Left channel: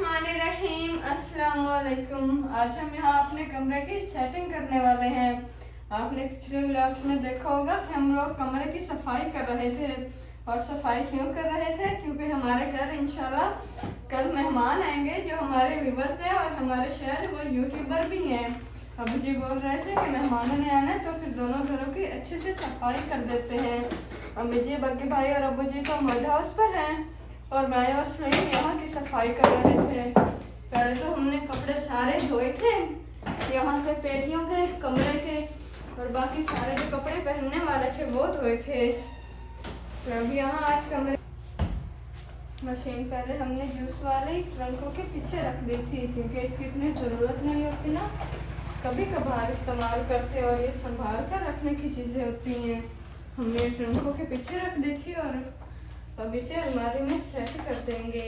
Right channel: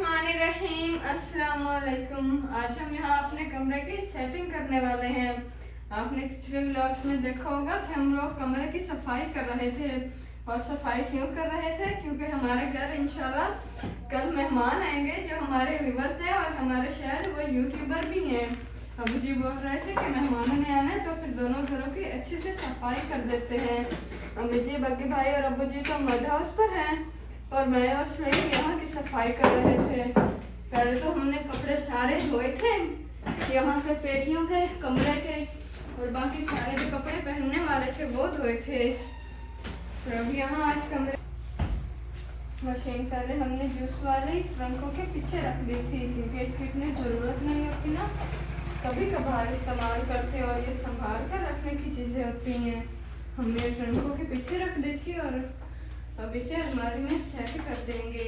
बिस्मिल्लाहिर्रहमानिर्रहीम। अस्सलाम वालेकुम। आज हम यहाँ अपने कमरे की सेटिंग करने वाले हैं। आपने पिछले व्लॉग्स में देखा होगा कि हम लोग कमरे की सफाई कर रहे थे। और सफाई क्यों कर रहे थे? क्योंकि हमारे घर इंशाल्लाह कल मेहमान आएंगे जो हमारे व्यूवर्स हैं और हमारे शहर वो यूट्यूबर भी हैं। अबू जी बोल रहे थे कि मेहमानों ने आना है तो फिर दोनों घरों की अच्छे से सफाई कर देते हैं। अम्मी जी, बाकी भाई और अबू जी तो मड हाउस पर हैं और मैं और सुनील यहाँ की सफाई कर रहे थे। पहले तो हमने कपड़े सारे धोए थे, यहाँ से पेटियों के, कमरे के और बाकी सारे जो कपड़े पहनने वाले थे वो धोए थे। तो अब यहाँ आज कमरे मशीन पहले हमने जूस वाली ट्रंकों के पीछे रख दी थी क्योंकि इसकी इतनी ज़रूरत नहीं होती ना, कभी कभार इस्तेमाल करते और ये संभाल कर रखने की चीज़ें होती हैं। हमने ट्रंकों के पीछे रख दी थी और अब इसे अलमारी में सेट कर देंगे।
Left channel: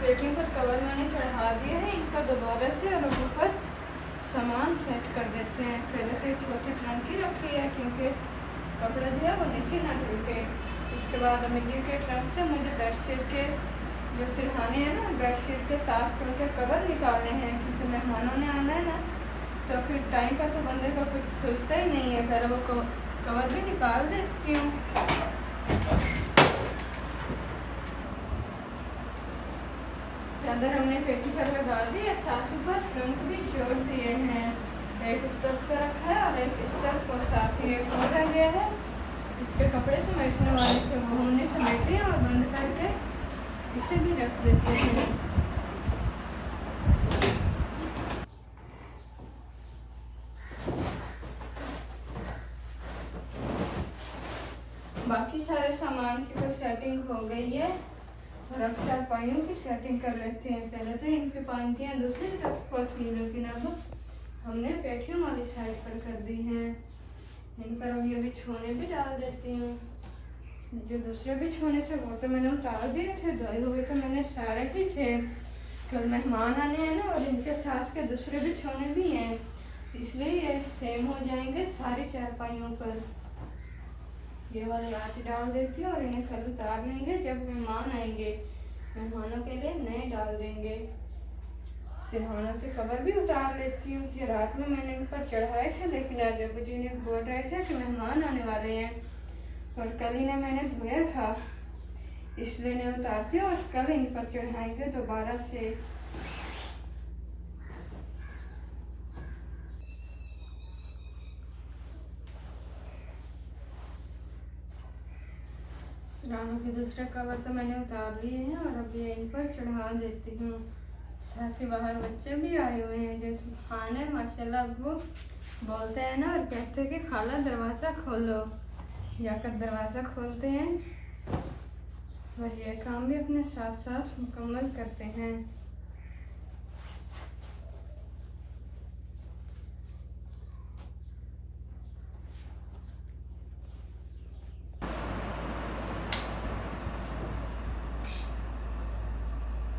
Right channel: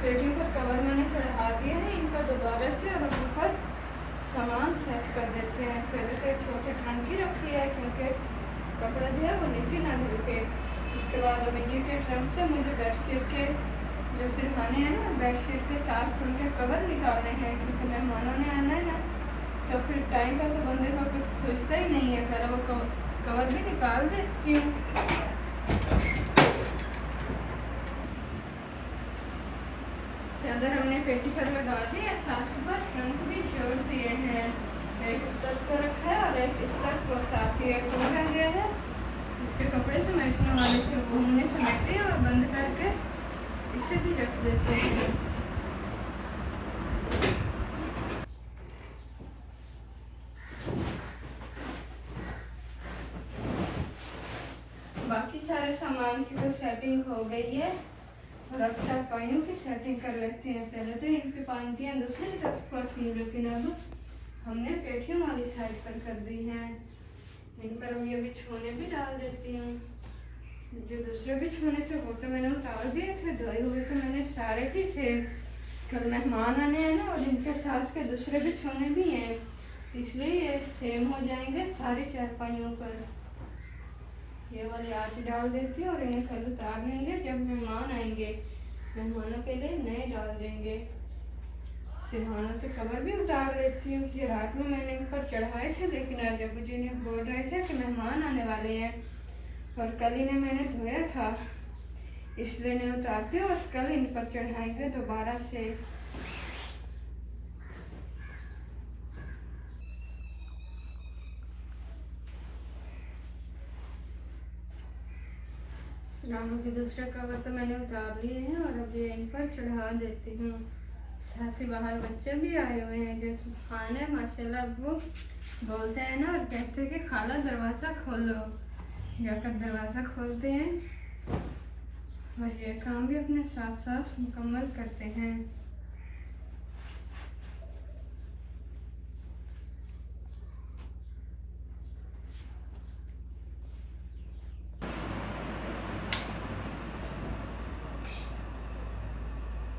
पेटियों पर कवर मैंने चढ़ा दिए हैं इनका दोबारा से और ऊपर सामान सेट कर देते हैं। पहले तो छोटे ट्रंक ही रखी है क्योंकि कपड़े जो है वो नीचे ना ढलके। इसके बाद मिट्टी के ट्रंक से मुझे बेडशीट के जो सिरहाने हैं ना, बेडशीट के साथ उनके कवर निकालने हैं क्योंकि मेहमानों ने आना है ना, तो फिर टाइम का तो बंदे का कुछ सोचता ही नहीं है। पहले वो कवर भी निकाल देती हूँ। चादर हमने पेटी पर लगा दी है, साथ ऊपर ट्रंक भी जोड़ दिए हैं। एक इस तरफ को रखा है और एक इस तरफ को, साथ ही एक और रह गया है। इसके कपड़े समेटने वाले थे वो हमने समेटे और बंद करके इसे भी रख देते हैं। बाकी सारे सामान की तो सेटिंग हो गई है और अब चारपाइयों की सेटिंग कर लेते हैं। पहले तो इनकी पाइंतियाँ दूसरी तरफ को थी लेकिन अब हमने पेटियों वाली साइड पर कर दी हैं। इन पर हम ये बिछोने भी डाल देती हूँ। जो दूसरे बिछोने थे वो तो मैंने उतार दिए थे, धोए हुए तो मैंने सारे भी थे। कल मेहमान आने हैं ना और इनके साथ के दूसरे बिछोने भी हैं, इसलिए ये सेम हो जाएंगे सारी चारपाइयों पर। ये वाली आज डाल देती हूँ और इन्हें कल उतार लेंगे जब मेहमान आएंगे। मेहमानों के लिए नए डाल देंगे। सिरहानों के कवर भी उतार लेती हूँ। ये रात में मैंने इन पर चढ़ाए थे लेकिन आज अबू जी ने बोल रहे थे कि मेहमान आने वाले हैं और कल इन्हें मैंने धोया था इसलिए इन्हें उतारती हूँ और कल इन पर चढ़ाएंगे दोबारा से। सिरहानों के दूसरे कवर तो मैंने उतार लिए हैं और अब ये इन पर चढ़ा देती हूँ। साथ ही बाहर बच्चे भी आए हुए हैं जो सुभान है माशाल्लाह। अब वो बोलते हैं ना और कहते हैं कि खाला दरवाज़ा खोलो, जाकर दरवाज़ा खोलते हैं और ये काम भी अपने साथ साथ मुकम्मल करते हैं।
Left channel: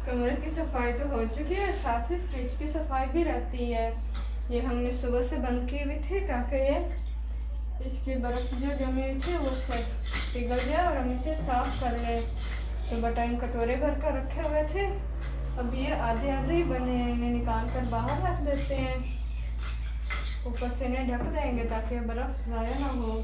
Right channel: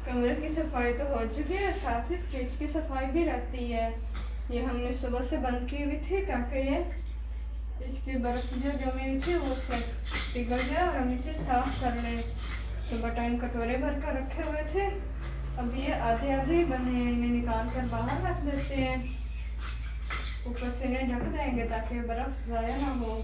कमरे की सफाई तो हो चुकी है, साथ ही फ्रिज की सफाई भी रहती है। ये हमने सुबह से बंद की हुई थी ताकि ये इसकी बर्फ जो जमी हुई थी वो पिघल जाए और हम इसे साफ कर लें। सुबह टाइम कटोरे भर कर रखे हुए थे, अब ये आधे आधे ही बने हैं। इन्हें निकाल कर बाहर रख देते हैं, ऊपर से इन्हें ढक देंगे ताकि बर्फ ज़ाया ना हो।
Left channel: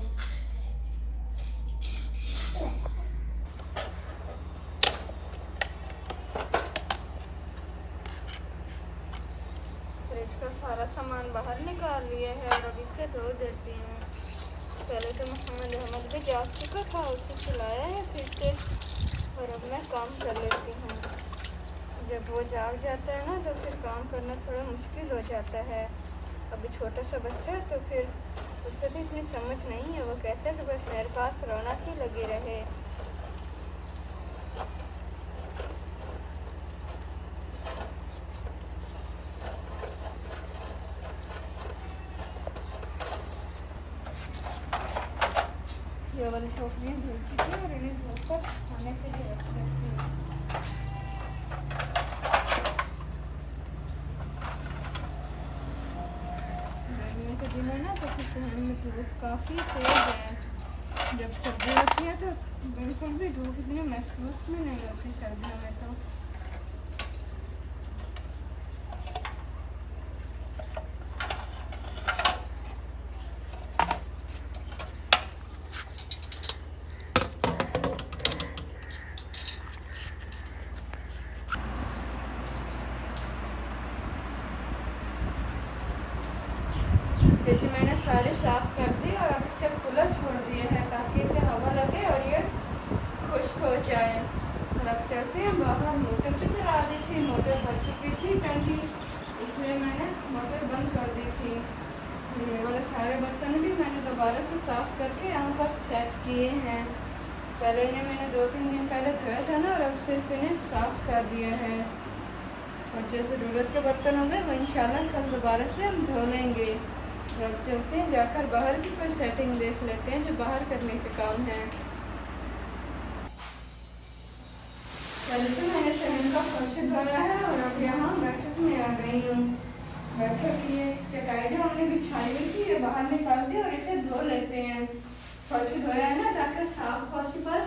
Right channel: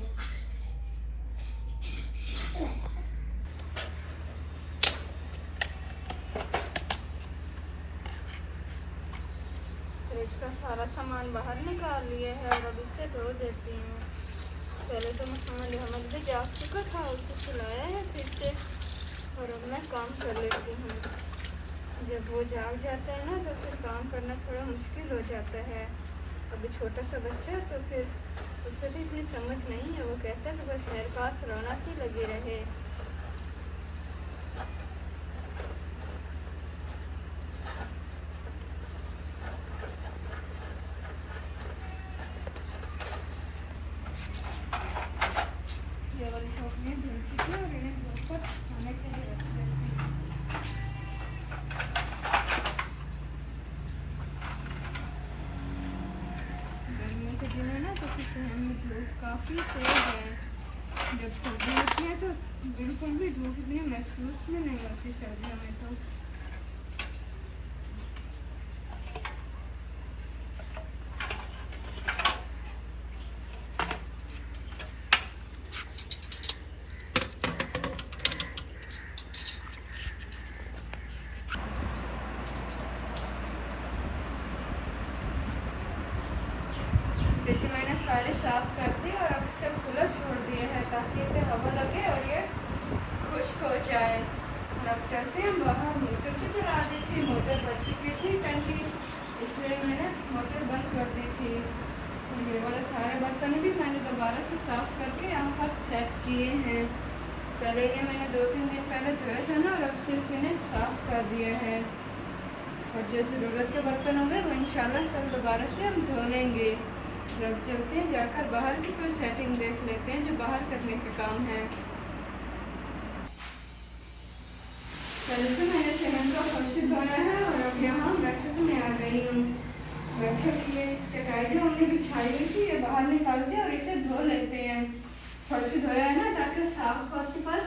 इसका सारा सामान बाहर निकाल लिया है और अब इसे धो देती हूँ। पहले तो मोहम्मद अहमद भी जाग चुका था, उसे सुलाया है फिर से और अब मैं काम कर लेती हूँ। जब वो जाग जाता है ना तो फिर काम करना थोड़ा मुश्किल हो जाता है। अभी छोटा सा बच्चा है तो फिर उसे भी इतनी समझ नहीं है। वो कहता है कि बस मेरे पास रौनक ही लगी रहे। ये वाली टोकरी धुल चुकी है और इन्हें धोकर खाने के लिए रख देती हूँ। गर्मियों के दिन है ना, तो फिर शहर में धूप काफ़ी तेज है। जब सर्दी होती है तो बिल्कुल भी धूप इतनी महसूस भी नहीं होती सर्दियों में तो। फ्रिज मैंने सारे साफ कर दी और अब इसे खुला छोड़ दिए हैं ताकि इसे हवा लगे और ये खुश्क हो जाए। अब चलते हैं बाहर। मोटर भी चला दी थी, मोटर बच चुकी थी टंकी, इसलिए मैंने मोटर बंद कर दी थी। ये वाले सारे बर्तन भी मैंने दोबारा से साफ करके यहाँ पर सेट किए हैं। पहले इन्हें मैंने 2-3 दिन पहले धोया था ना, और अब सिर्फ इन्हें साफ कर दिए हैं। और जो ज़रूरत के बर्तन होंगे वो इंशाल्लाह कल दोबारा से हम धो लेंगे। अब चलते हैं, जाकर बाहर की कोई सेटिंग देख लेते हैं जो बाहर करने के काम है। पहले तो मैंने सहन का फर्श धोया है और अब यहाँ बैठक में आ गई हूँ। बैठक ये चटाई जो हमने बिछाई हुई थी ये बाहर निकाल दिया और इसे धो लेते हैं। फर्श धोया है ना, ताकि साफ फर्श पर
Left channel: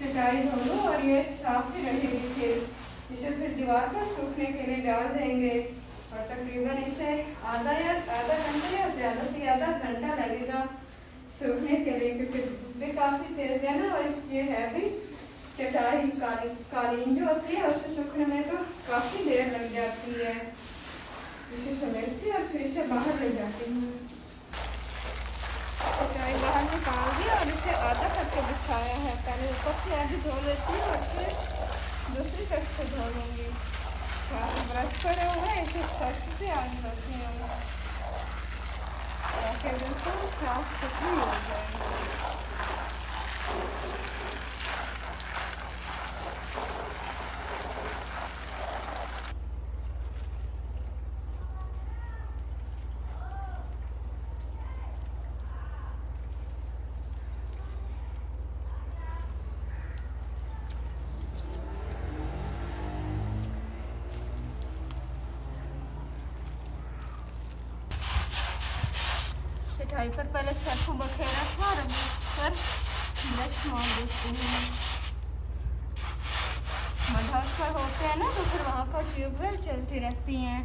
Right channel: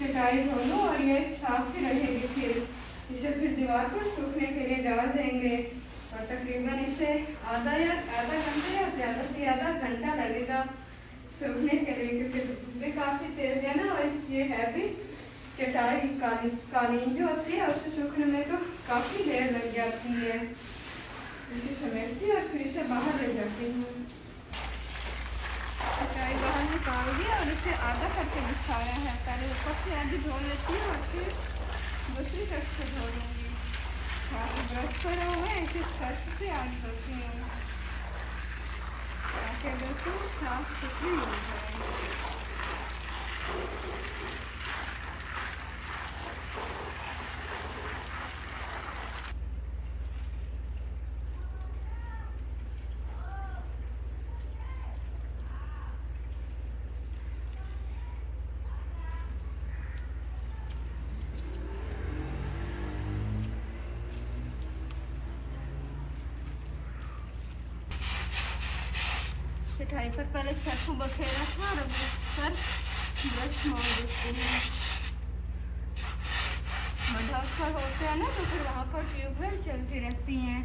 चटाई धो लूँ और ये साफ भी रहेगी। फिर इसे फिर दीवार पर सूखने के लिए डाल देंगे और तकरीबन इसे आधा घंटा या ज़्यादा से ज़्यादा घंटा लगेगा सूखने के लिए, क्योंकि धूप भी काफ़ी तेज़ है ना। और ये है भी चटाई कालीन जो होती है उससे सूखने में तो काफ़ी देर लग जाती है। इसे समेटती और फिर इसे बाहर ले जाती हूँ। चटाई बाहर निकाल दी और इसे आधा करके बिछाया है। पहले ऊपर से आधी धो लेती हूँ और फिर दूसरी तरफ से धो लूँगी। ब्रश करा हुआ है, इसे फर्श से आग करती हूँ ताकि बिल्कुल साफ सुथरी हो जाए। चटाई पर पहले सर्फ बखेरा था और अब पर ब्रश मार देती हूँ। मदरसा पर होते हैं ना, तो फिर वहाँ पर ट्यूबवेल चलती रहती हैं।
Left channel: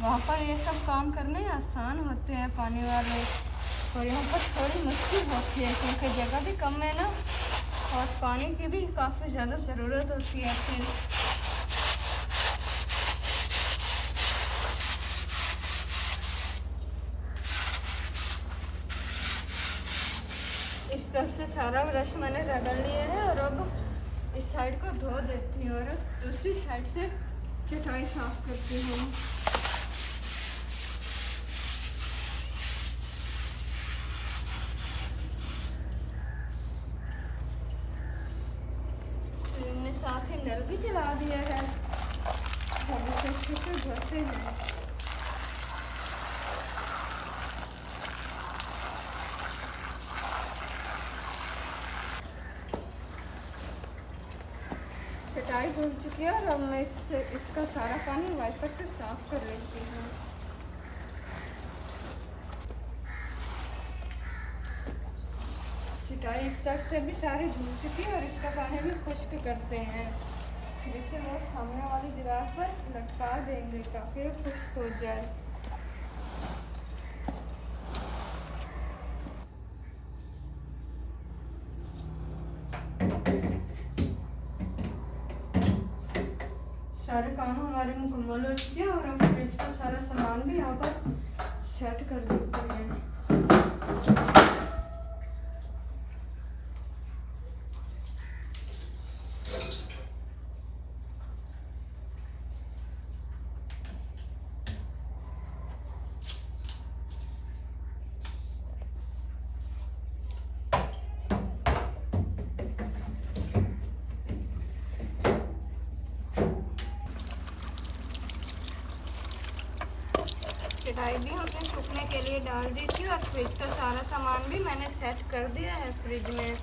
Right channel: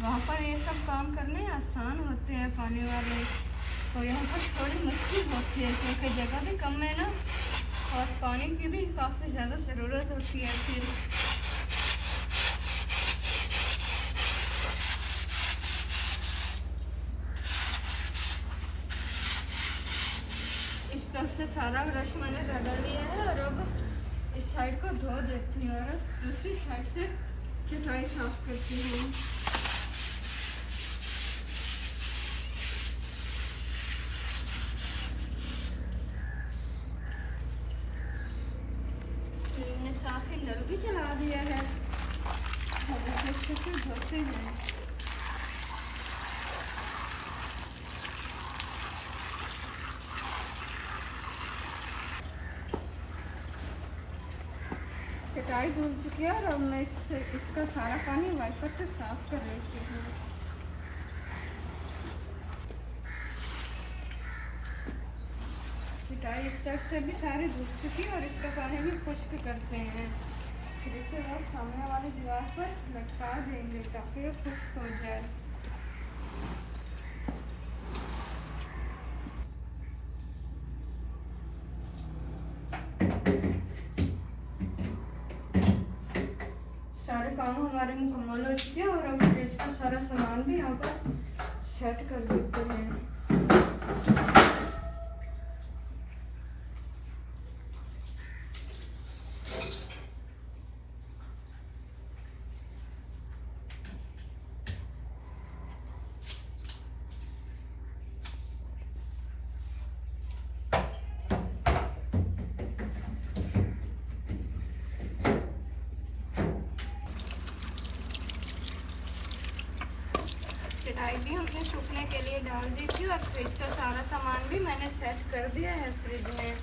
वहाँ पर ये सब काम करने आसान होते हैं पानी वाले, और यहाँ पर थोड़ी मुश्किल होती है क्योंकि जगह भी कम है ना, और पानी की भी काफ़ी ज़्यादा ज़रूरत होती है। फिर इस तरफ से सारा ब्रश मैंने रगड़ लिया है और अब इस साइड को धो देती हूँ और दूसरी साइड से चटाई साफ करती हूँ। मैंने साथ ही नल भी चला दिया है, अच्छे से धोते हैं। चटाई धुल चुकी है और अब मैं इसका सारा पानी वाइपर से साफ कर लेती हूँ। चटाई इस तरफ से भी सारी धुल चुकी है और इसका पानी भी खुश्क करते हैं। फिर इसे वो सामने वाली दीवार पर लटका देंगे ताकि ये खुश्क हो जाए। सारे काम हमारे मुकम्मल हो चुके हैं और अब फ्रिज का सारा सामान भी यहाँ पर सेट कर देते हैं। चटाई भी हमने सूखने के लिए डाल दी थी और फ्रिज का सारा सामान भी मैंने सेट कर दिया है फ्रिज में।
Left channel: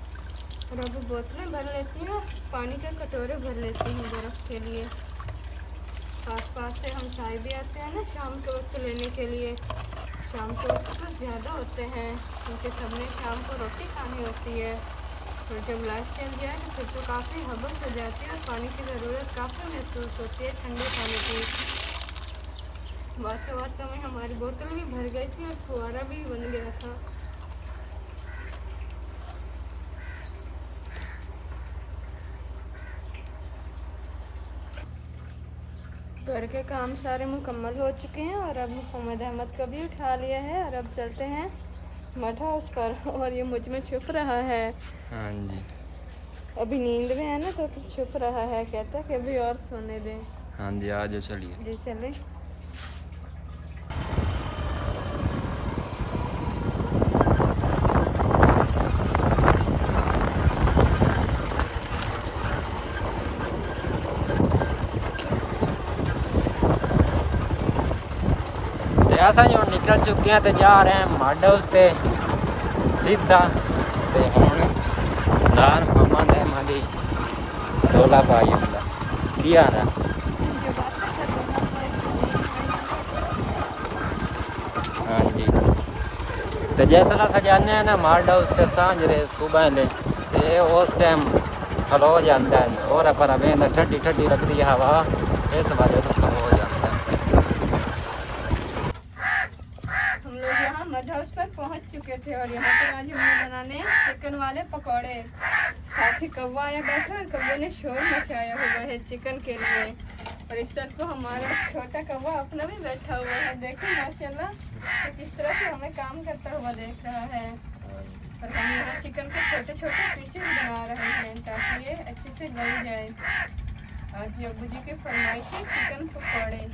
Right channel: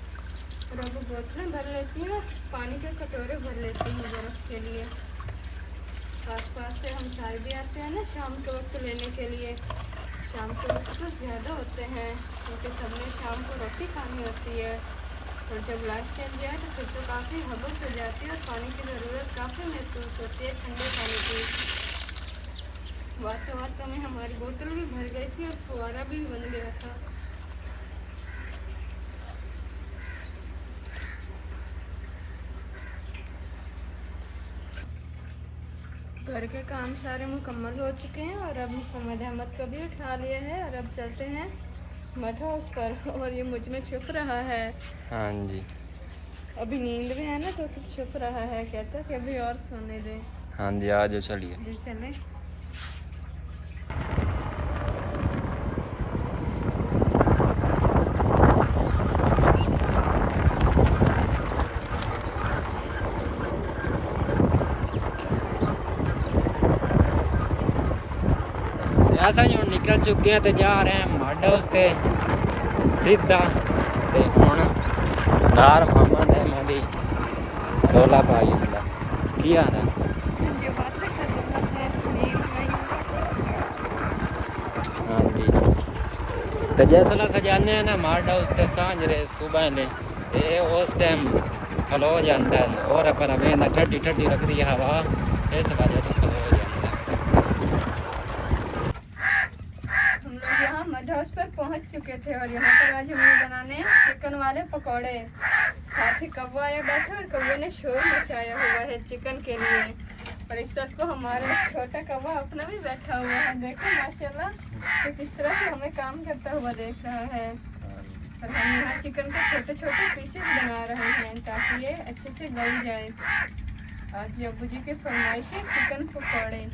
और अब बोतलें भर लेती हैं, पानी के कटोरे भर लेती हैं बर्फ़ के लिए। आसपास से हम साए भी आते हैं ना शाम के वक्त लेने के लिए। शाम के वक्त तो ज़्यादा होते हैं क्योंकि सबने शाम को रोटी खानी होती है। और जब लाइट चेंज जाए तो फिर तो काफ़ी हबस हो जाती है और पानी की ज़रूरत काफ़ी महसूस होती है, ठंडे पानी की। बातों में हमारी बोतल भी भर गई थी और फुहारा भी बन गया था। घर के काम सारे मुकम्मल हो चुके हैं और अब मोहम्मद अहमद को भी उठा लिया है और अब चलते हैं मड हाउस पर। और ये मुझ में छुप रहा है। हाँ जी, अभी नींद में है ना तो फिर छुप रहा है, कहता है कि अभी और सोने दें। हाँ जी, आ जाओ चलिए। जी चले। असा जी हम निकल चुके हैं तो जा रहे हैं मड हाउस ते सीधा ते हुण दार मोहम्मद अहमद दी डोला पाई हुंदा की हाल है। हाँ जी, तो जैसा सजाने हैं ना मड हाउस ते सांझरे सुबह ले ते उस टाइम खलो जाता है और पर बेंदा ठंडी ठंडी लगती है हवा, इस वजह से खलो हो जाता है। हम लोग यहाँ मड हाउस पर पहुँच चुके थे और यहाँ पर आज हमने बनाने चिकन वाले पकौड़े। साथ ही कौवा आया बैठा और कौवे ने शोर मचाया हुआ है चिकन के लिए। और इस तरफ को हमारा छोटा कौवा अपना भी बैठा हुआ है, देखो माशाल्लाह तो किस तरह से हमें काम करता हुआ देख रहा है। और हम यहाँ चिकन को छोटे छोटे पीसेस बना रहे हैं ताकि ये अच्छे से गल जाए। आज अब्बू जी के फरमाइश है चिकन पकौड़े।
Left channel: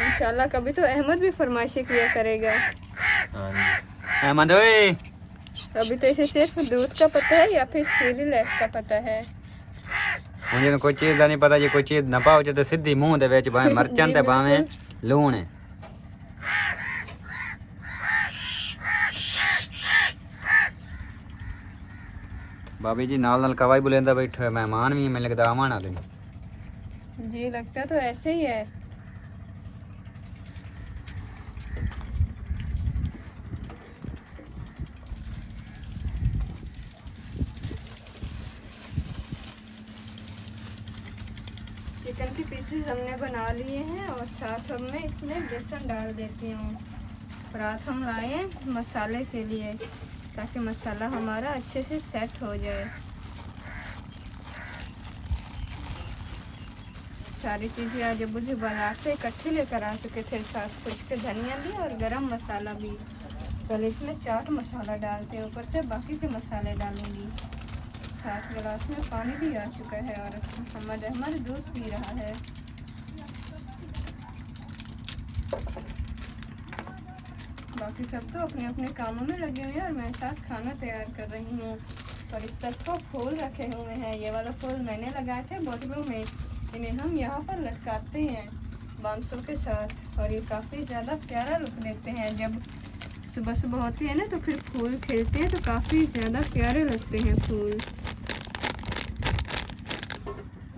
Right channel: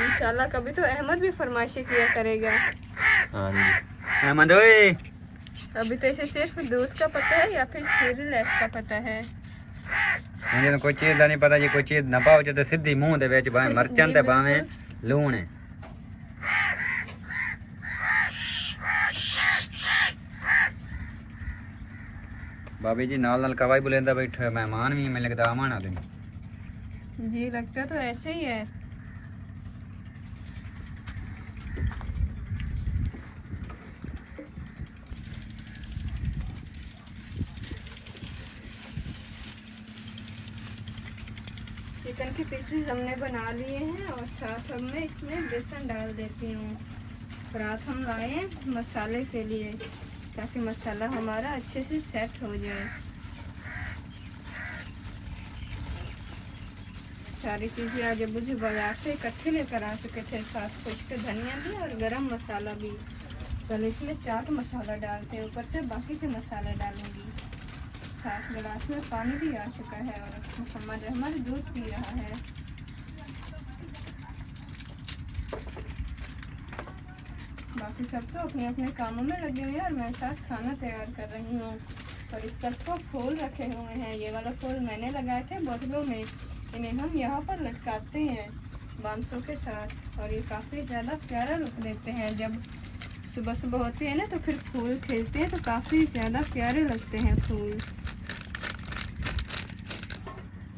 इंशाल्लाह कभी तो अहमद भी फरमाइशें किया करेगा। अहमद ओए, अभी तो इसे सिर्फ दूध का पता है या फिर सीरियल्स का पता है। मुझे कोई चीज़ का नहीं पता जी, कोई चीज़ ना पाओ तो सीधी मुंह दे विच भावें मरचन ते भावें लूण है। भाभी जी नाल नाल कवाई बुलेंदा बैठा है, मेहमान भी मैं लगता आवन वाले। जी लगता तो ऐसे ही है। चिकन के पीसेस हमने बना लिए हैं और साथ हमने इसमें बेसन डाल देती हूँ। रात हम लाए मसाले के लिए ताकि मसाला हमारा अच्छे से सेट हो जाए। सारी चीज़ें आज अब्बू जी बाजार से इकट्ठे लेकर आ चुके थे, साथ कुछ के धनिया भी और गरम मसाला भी। पहले इसमें चाट मसाला डालते हैं, ऊपर से बाकी के मसाले डालूंगी। साथ गिलास में पानी भी आ चुका है और मोहम्मद अहमद दूध पी रहा है। बाकी सब तो अपने अपने कामों में लगे हुए हैं और मैं साथ खाना तैयार कर रही हूँ। और इस तरफ को फूल रखे हुए हैं, ये वाला फूल मैंने लगाए थे बोतलों में, इन्हें हम यहाँ पर लटकाते हैं बांसों के साथ और ये काफ़ी ज़्यादा प्यारा लुक देते हैं। जब सुबह सुबह होती है ना तो फिर फूल खिलते हैं तो काफ़ी ज़्यादा प्यारे लगते हैं फूल।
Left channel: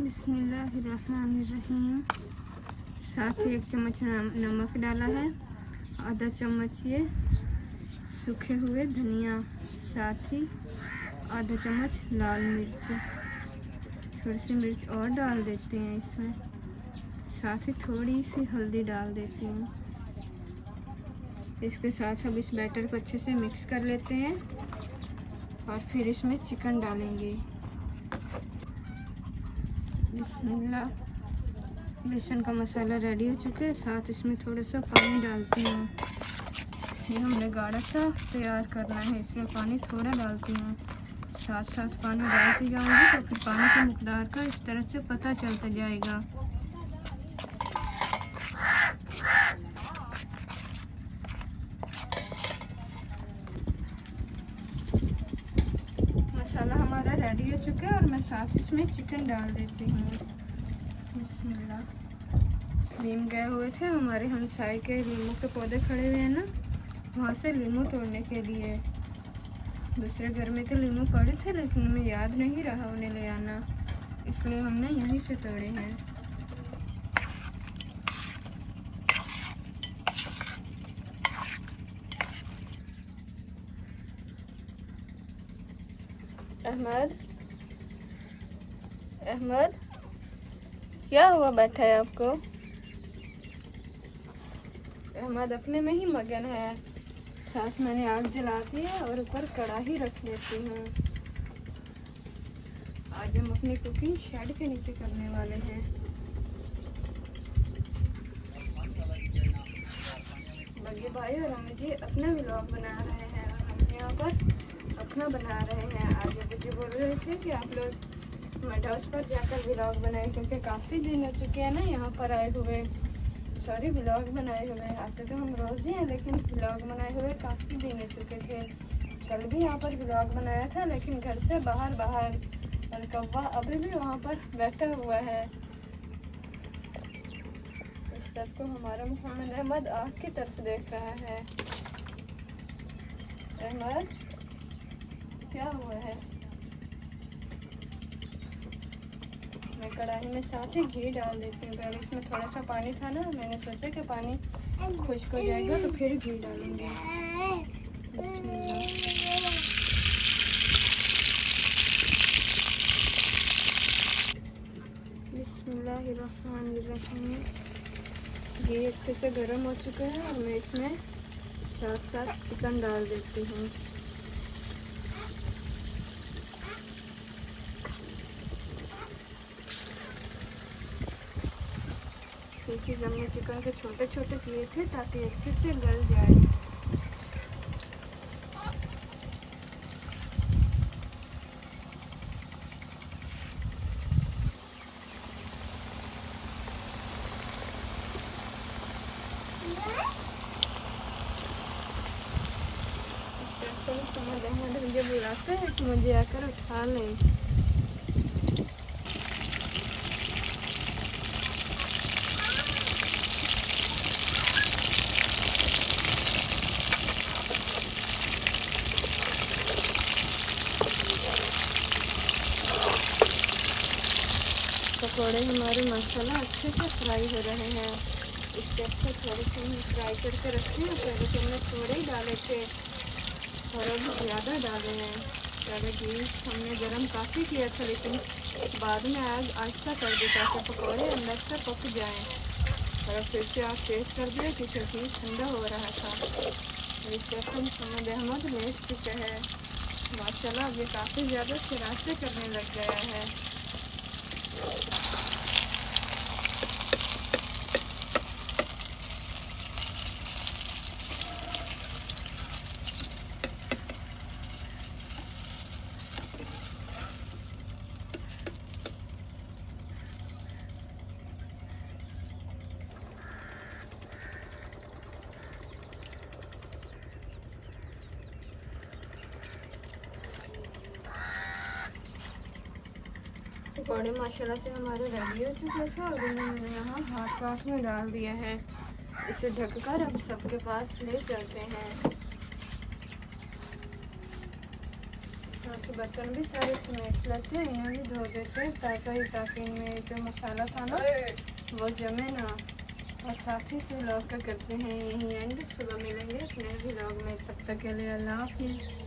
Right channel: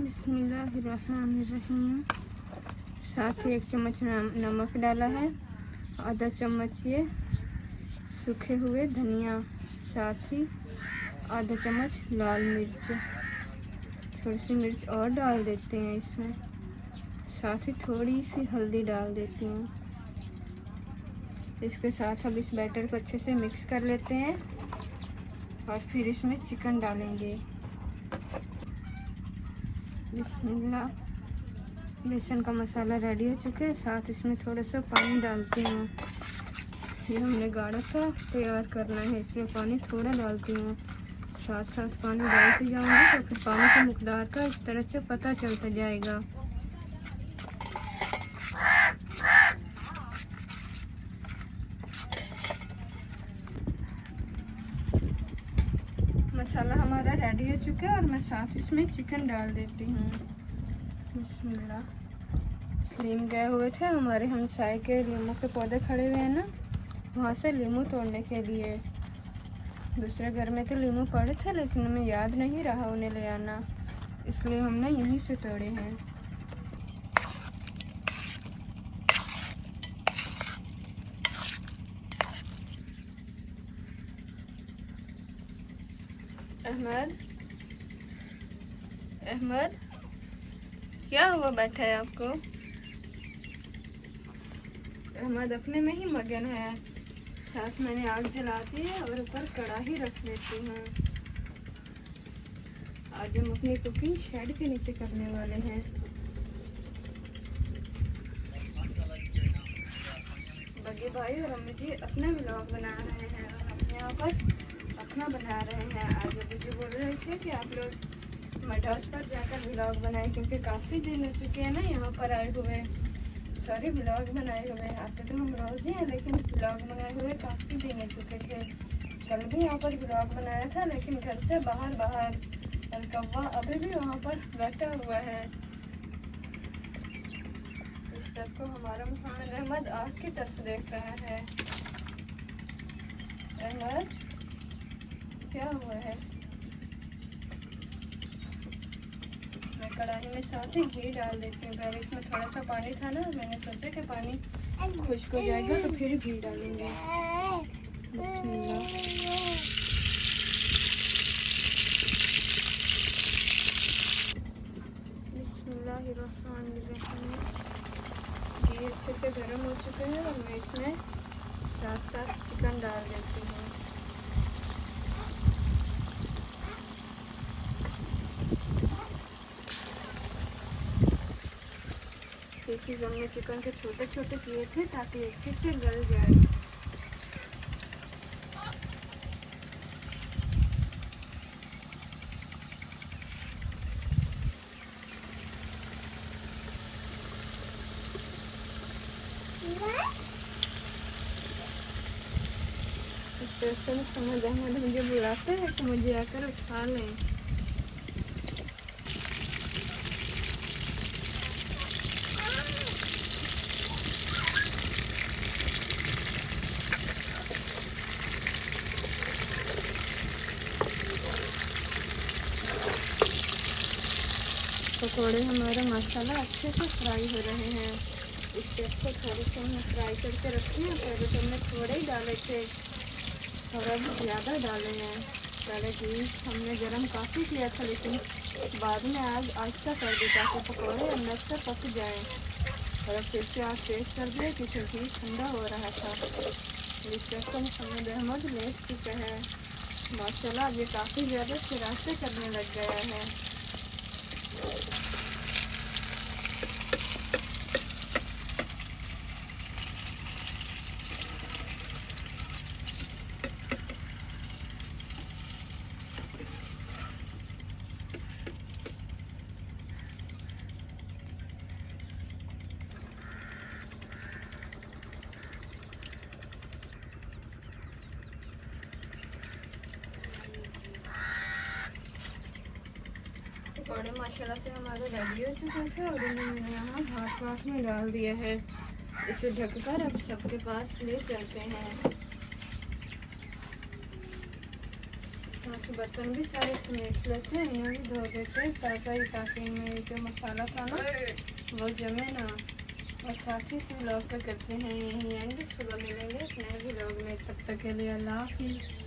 बिस्मिल्लाहिर्रहमानिर्रहीम। साथ ही 1 चम्मच नमक डाला है, आधा चम्मच ये सूखे हुए धनिया, साथ ही आधा चम्मच लाल मिर्च, थोड़ी सी मिर्च और डाल देते हैं इसमें, साथ ही थोड़ी सी हल्दी डाल देती हूँ। इसके साथ अब इस बैटर को अच्छे से मिक्स कर लेते हैं और फिर इसमें चिकन डालेंगे। बिस्मिल्लाह। बेसन का मसाला रेडी हो चुके हैं, साथ इसमें थोड़ा सा पानी डालती हूँ। ये हमने गाढ़ा सा तैयार करना है इसलिए पानी थोड़ा डालती हूँ। साथ साथ पानी डालती जाऊँगी तो फिर पानी का मकदार का इस तरह से पता चलता जाएगा। मसाला हमारा रेडी हो चुका है और मैं साथ इसमें चिकन डाल देती हूँ। बिस्मिल्लाह। नीम गए हुए थे हमारे हमसाए के लीमू के पौधे खड़े हुए हैं ना, वहाँ से लीमू तोड़ने के लिए। दूसरे घर में तो लीमू पड़े थे लेकिन हमें याद नहीं रहा उन्हें ले आना, इसलिए हमने यहीं से तोड़े हैं। अहमद, अहमद क्या हुआ, बैठा है आपको? अहमद अपने में ही मगन है। साथ मैंने आग जला दी है और ऊपर कढ़ाई रख लेती हूँ। आज हम अपनी कुकिंग शेड के नीचे करने वाले हैं। बगे भाई और अम्मी जी अपना व्लॉग बना रहे हैं, हम यहाँ पर अपना बना रहे हैं। आज अबू जी बोल रहे थे कि आप लोग मड हाउस पर जाकर व्लॉग बनाए, क्योंकि काफ़ी दिन हो चुके हैं ना यहाँ पर आए हुए, सॉरी व्लॉग बनाए हुए। आते तो हम रोज़ ही हैं लेकिन व्लॉग बनाए हुए काफ़ी दिन हो चुके थे। कल भी यहाँ पर व्लॉग बनाया था लेकिन घर से बाहर और कौवा अभी भी वहाँ पर बैठा हुआ है। इस तरफ को हमारा मोहम्मद अहमद आग की तरफ देख रहा है। अहमद क्या हुआ है? मैं कढ़ाई में साथ ही घी डाल देती हूँ। पहले इसमें थोड़ा सा पानी था ना, मैंने सोचा कि पानी खुश्क हो जाएगा तो फिर घी डालूंगी। बिस्मिल्लाह। बिस्मिल्लाहिर्रहमानिर्रहीम। घी अच्छे से गर्म हो चुका है और मैं इसमें साथ साथ चिकन डाल देती हूँ। पीसेस हमने चिकन के छोटे छोटे किए थे ताकि अच्छे से गल जाए। इस तरह से समझ अहमद मुझे बुलाते हैं कि मुझे आकर उठा लें। पकौड़े हमारे मसाला अच्छे से फ्राई हो रहे हैं। इसके अच्छे थोड़े से हमने फ्राई करके रखे हैं। पहले तो हमने थोड़े ही डाले थे और अब ज़्यादा डाले हैं। पहले घी हमने गरम काफ़ी किया था लेकिन बाद में आग आहिस्ता कर दी ताकि पकौड़े अंदर से पक जाएं। और अब फिर से आग तेज़ कर दिया क्योंकि घी ठंडा हो रहा था। इस वक्त मोहम्मद अहमद ले चुके हैं माशाल्लाह। अब ये काफ़ी ज़्यादा शरारतें करने लग गया है। पकौड़े माशाल्लाह से हमारे रेडी हो चुके थे और इन्हें मैंने यहाँ हाथ में डाल दिया है। इसे ढककर अब सबके पास ले चलते हैं। साथ ही बर्तन भी सारे समेट लेते हैं, इन्हें भी धो देते हैं ताज़ा ही ताकि इनमें जो मसाला था ना वो जमे ना। और साथ ही इस व्लॉग का करते हैं यही एंड। सुबह मिलेंगे अपने व्लॉग में, तब तक के लिए अल्लाह हाफिज़।